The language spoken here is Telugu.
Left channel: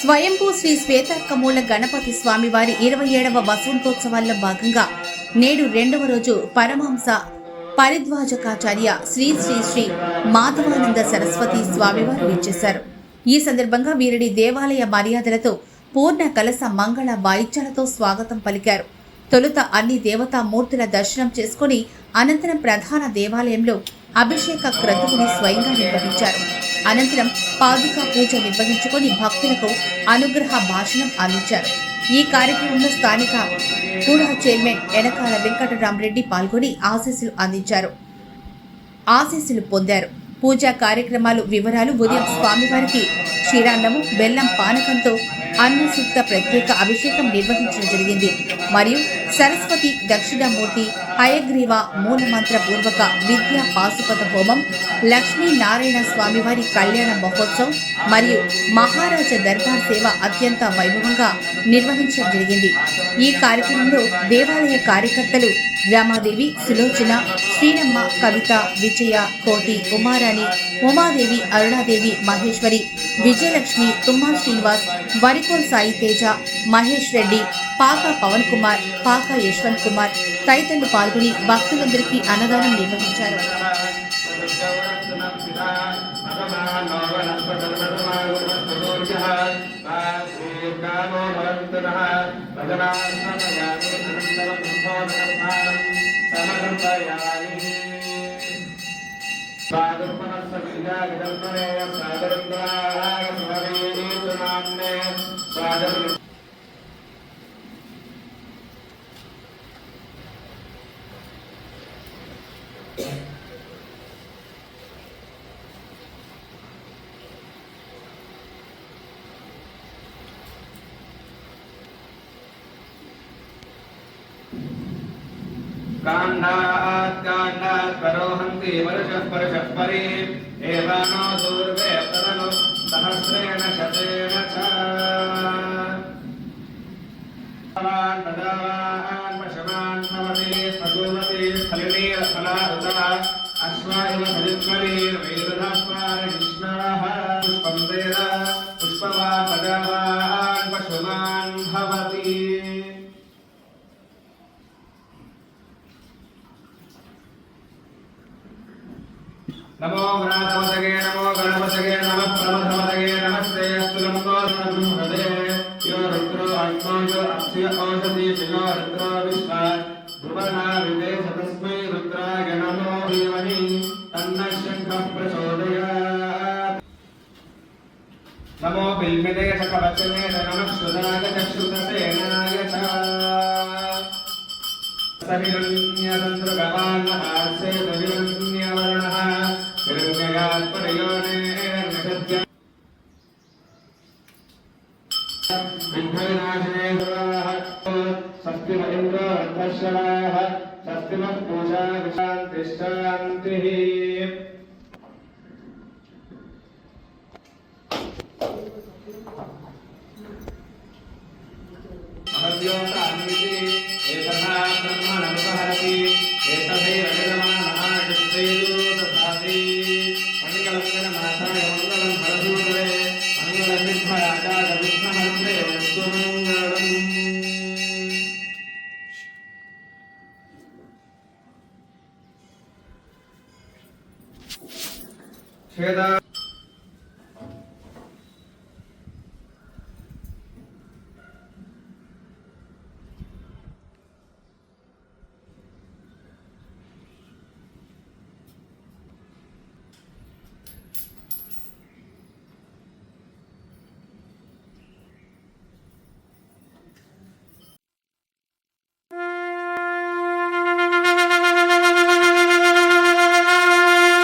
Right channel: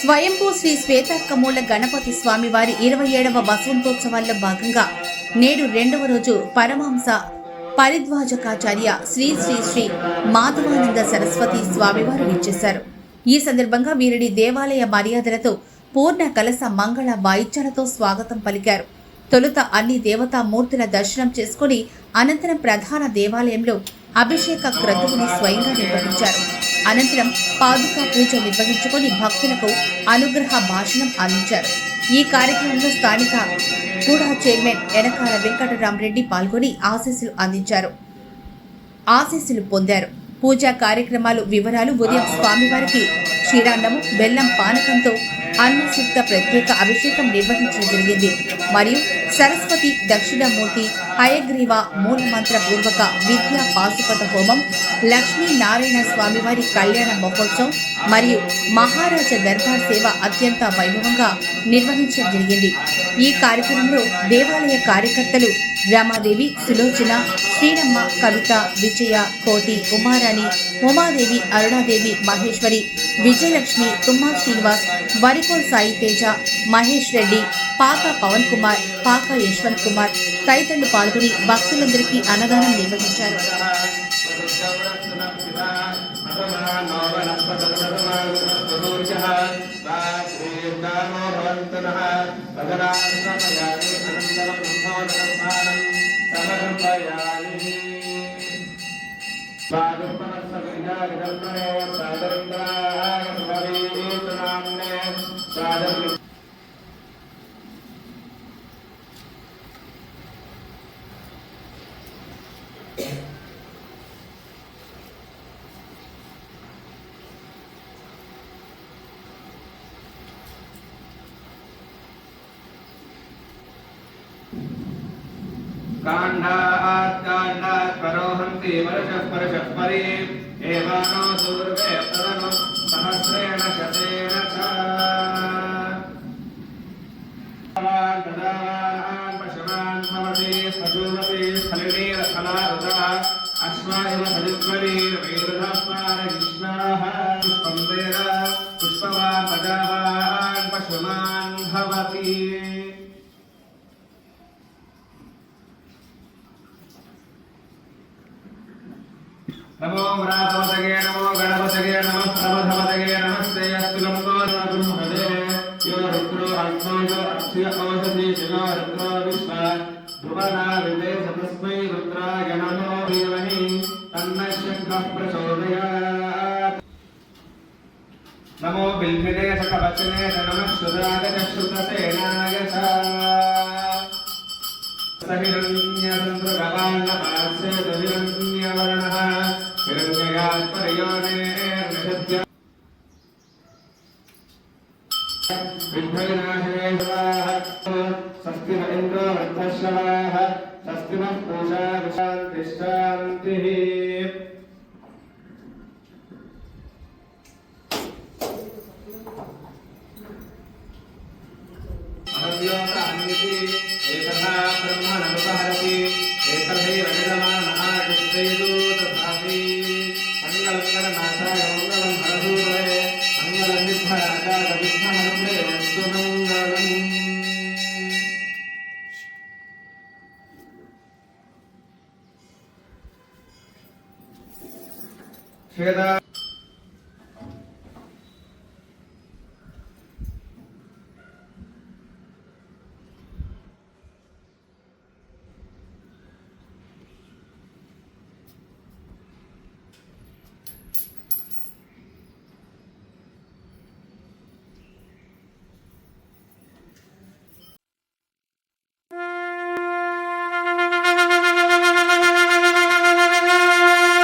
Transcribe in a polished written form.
స్వయంభూ శ్రీ శ్వేతార్కమూల గణపతి స్వామివారి 27వ వసంతోత్సవాల్లో భాగంగా నేడు 2వ రోజు పరమహంస పరిద్వాజకాచార్య శ్రీ శ్రీ శ్రీ మాధవానంద సరస్వతి స్వామివారు విచ్చేశారు. ఈ సందర్భంగా వీరిని దేవాలయ మర్యాదలతో పూర్ణ కలశ మంగళ వాయిద్యాలతో స్వాగతం పలికారు. తొలుత అన్ని దేవతా మూర్తుల దర్శనం చేసుకుని అనంతరం ప్రధాన దేవాలయంలో అభిషేక క్రతువుని స్వయంగా నిర్వహించారు. అనంతరం పాదుకా పూజ నిర్వహించుకొని భక్తులకు అనుగ్రహ భాషణం అందించారు. ఈ కార్యక్రమంలో స్థానిక కూడా చైర్మన్ ఎనకాల వెంకటరామరెడ్డి పాల్గొని ఆశీస్సులు పొందారు. పూజా కార్యక్రమాలు వివరాలు: ఉదయం స్వామివారికి క్షీరాన్నము బెల్లం పానకంతో అన్నసూక్త ప్రత్యేక అభిషేకం నిర్వహించడం జరిగింది. మరియు సరస్వతి దక్షిణామూర్తి హయగ్రీవ మూలమంత్ర పూర్వక విద్యా పాశుపత హోమం, లక్ష్మీనారాయణ స్వామివారి కళ్యాణ మహోత్సవం మరియు మహారాజ దర్బార్ సేవ అత్యంత వైభవంగా నిర్వహించడం జరిగింది. ఈ కార్యక్రమంలో దేవాలయ కార్యకర్తలు రామాదేవి, సులోచన, శ్రీనమ్మ, కవిత, విజయ, కోటి, ఉమారాణి, ఉమాదేవి, అరుణాదేవి, మహేశ్వరి, విజయలక్ష్మి, తుమ్మా శ్రీనివాస్, వరికోల్ సాయి తేజ, మహేష్ రెడ్డి, పాక పవన్ కుమార్, పాక యశ్వంత్ కుమార్ తదితరులు పాల్గొని భక్తులందరికీ అన్నదానం నిర్వహించారు. कांडात् करोहन्ति वर्षः परे एवानो दूर्वे तवनु सहस्रेण शतेन च तदावान् पशवान् भवति सदूमति स्थलिनीरस्थला उपा अश्वायव सयुक्तरी वेदनास्मार कृष्णाः पुष्पं वेद पुष्पवा पदावान् पशवान् भवति नमो गणाधिपतये नमो गणपतये नमः प्रमथपतये नमस्ते अस्तु नमो ब्रह्मदे यो रुद्रो आत्मायो अस्य औषधि शिवो रुद्रो विश्वा ध्रुवना विदेश तस्मै रुद्राय नमो धीमहि तन्नः शङ्खः प्रचोदयात् नमो बिल्मिते सकवचने नमः सुधाय चक्षुप्रसेनाय च सरिरण्यचन्द्रगवान्नतात्से दविरण्यवर्णः स्वस्ति न इन्द्रो रथश्रवाः स्वस्ति नः पूषा विशान्तिश्शान्तिः अहस्योतान्यति एतथा ब्रह्मणमुपहरति एतथैव यजमानः यस्तेषु तथापि मंगलकरनाथाय मंगलं हरधूरे मंगलनिर्भयाय विघ्नहर्त्रे अस्तु मंगलम्